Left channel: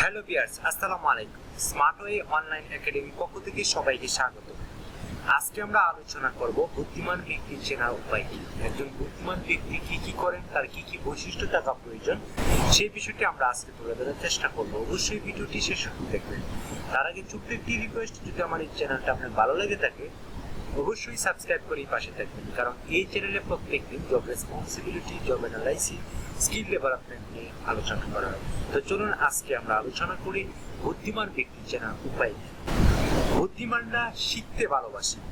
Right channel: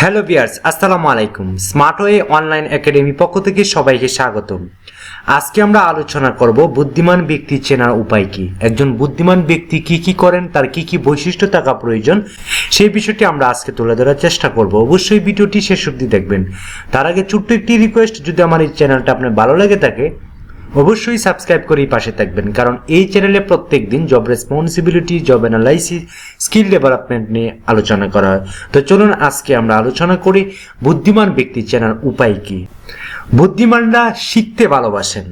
Hello viewers, আসসালামু আলাইকুম। স্মার্টওয়ে online academy পক্ষ থেকে সবাইকে স্বাগতম। আজকে আমরা আলোচনা করব বুদ্ধিমান ব্যক্তি চেনার উপায় কি। একজন বুদ্ধিমান ব্যক্তি কি কি করেন, তার কি কি বৈশিষ্ট্য থাকা প্রয়োজন, সেই বিষয়টি আমরা আজকে তুলে ধরার চেষ্টা করব। অবশ্যই ভিডিওটি শেষ অবধি দেখবেন। তার আগে ছোট্ট একটি রিকোয়েস্ট, যদি আমার এই চ্যানেলটা আপনার ভালো লেগে থাকে অবশ্যই সাবস্ক্রাইব করেই পাশে থাকবেন, কারণ এই চ্যানেলে প্রত্যেক দিন job responsibility, job analysis, skill development নিয়ে আলোচনা করা হয়। তো চলুন আজকে আমরা আলোচনা করি বুদ্ধিমান ব্যক্তি চেনার উপায় কি। বুদ্ধিমানরা শিখতে ভালোবাসেন।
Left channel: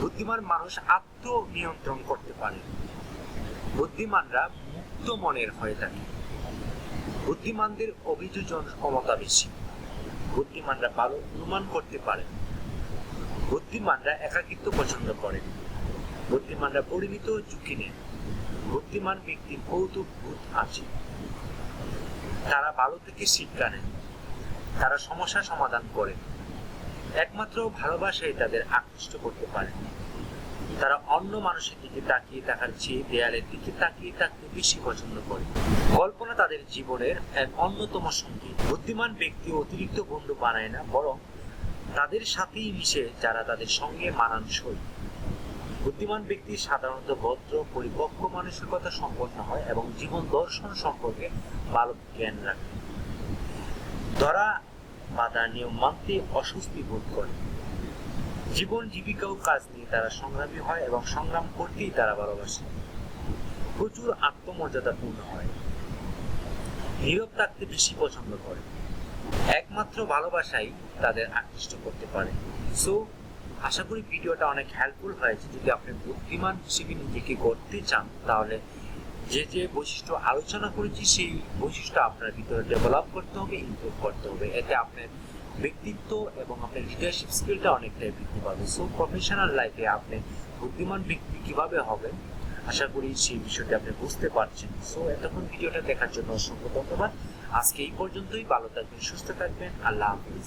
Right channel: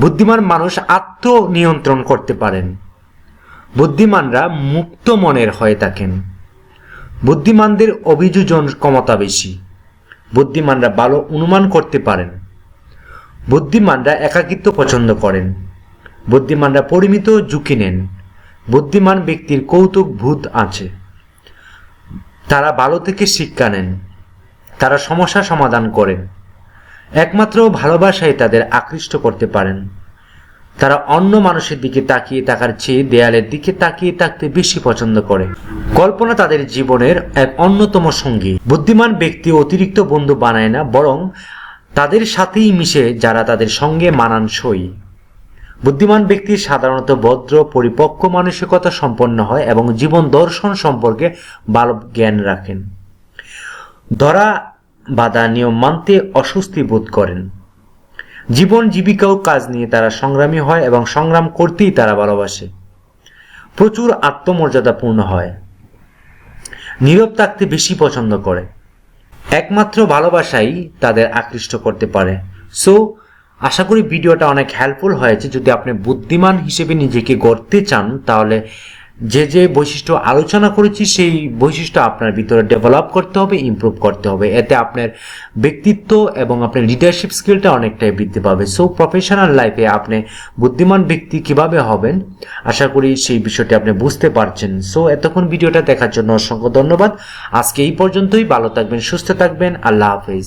বুদ্ধিমান মানুষ আত্মনিয়ন্ত্রণ করতে পারেন। বুদ্ধিমানরা মুক্ত মনের হয়ে থাকেন। বুদ্ধিমানদের অভিযোজন ক্ষমতা বেশি। বুদ্ধিমানরা ভালো অনুমান করতে পারেন। বুদ্ধিমানরা একাকিত্ব পছন্দ করেন। বুদ্ধিমানরা পরিমিত ঝুঁকি নেন। বুদ্ধিমান ব্যক্তির কৌতুক বোধ আছে। তারা ভালো থেকে শিক্ষা নেন। তারা সমস্যা সমাধান করেন। একমাত্র ভালোবাসায় তাদের আকৃষ্ট করতে পারেন। তারা অন্য মানুষের দিকে তাকিয়ে থাকার চেয়ে দেয়ালের দিকে তাকিয়ে থাকতে বেশি পছন্দ করে। কল্পনা তাদের জীবনের এক অন্যতম সঙ্গী। বুদ্ধিমান ব্যক্তি অতিরিক্ত বন্ধু বানায় না, বরং তাদের সাথেই মিশে যারা তাদের সঙ্গে মানানসই। বুদ্ধিমান ব্যক্তি সাধারণত ভদ্র, পরিপক্ক মানসিকতা সম্পন্ন হয় এবং জীবন দর্শন সম্পর্কে ভালো জ্ঞান রাখেন। ধরা বাঁধা নিয়ম মানতে অস্বস্তি বোধ করেন। জীবন জীবিকা ও কাজ নিয়ে তারা সংগ্রামী হয় এবং সংগ্রাম করতেই তারা ভালোবাসে। প্রচুর আত্মমর্যাদাপূর্ণ হয়। নীরব থাকতে বেশি পছন্দ করে। একমাত্র ভালোবাসাই তাদের আকৃষ্ট করতে পারে। সো আশা করি ভিডিওটা অনেক হেল্পফুল হয়েছে। যদি আপনি বুদ্ধিমান হিসেবে নিজেকে গড়তে চান, তাহলে যে যে বৈশিষ্ট্য আলোচনা করেছি সেই বৈশিষ্ট্য আপনার ভিতরে ডেভেলপ করতে হবে, ইমপ্রুভ করতে হবে। এতে আপনার ব্যক্তিত্ব এবং আপনার লিডারশিপ স্কিলটা অনেকটাই বৃদ্ধি পাবে। সো প্রফেশনাল লাইফে আপনি বুদ্ধিমান ব্যক্তি কিভাবে হবেন, আশা করি সেই বিষয়টি আপনি বুঝতে পারছেন। সো এতক্ষণ ভিডিওটা দেখার জন্য অসংখ্য ধন্যবাদ। আজকে এই পর্যন্তই। ভালো থাকবেন, সুস্থ থাকবেন। আল্লাহ হাফেজ।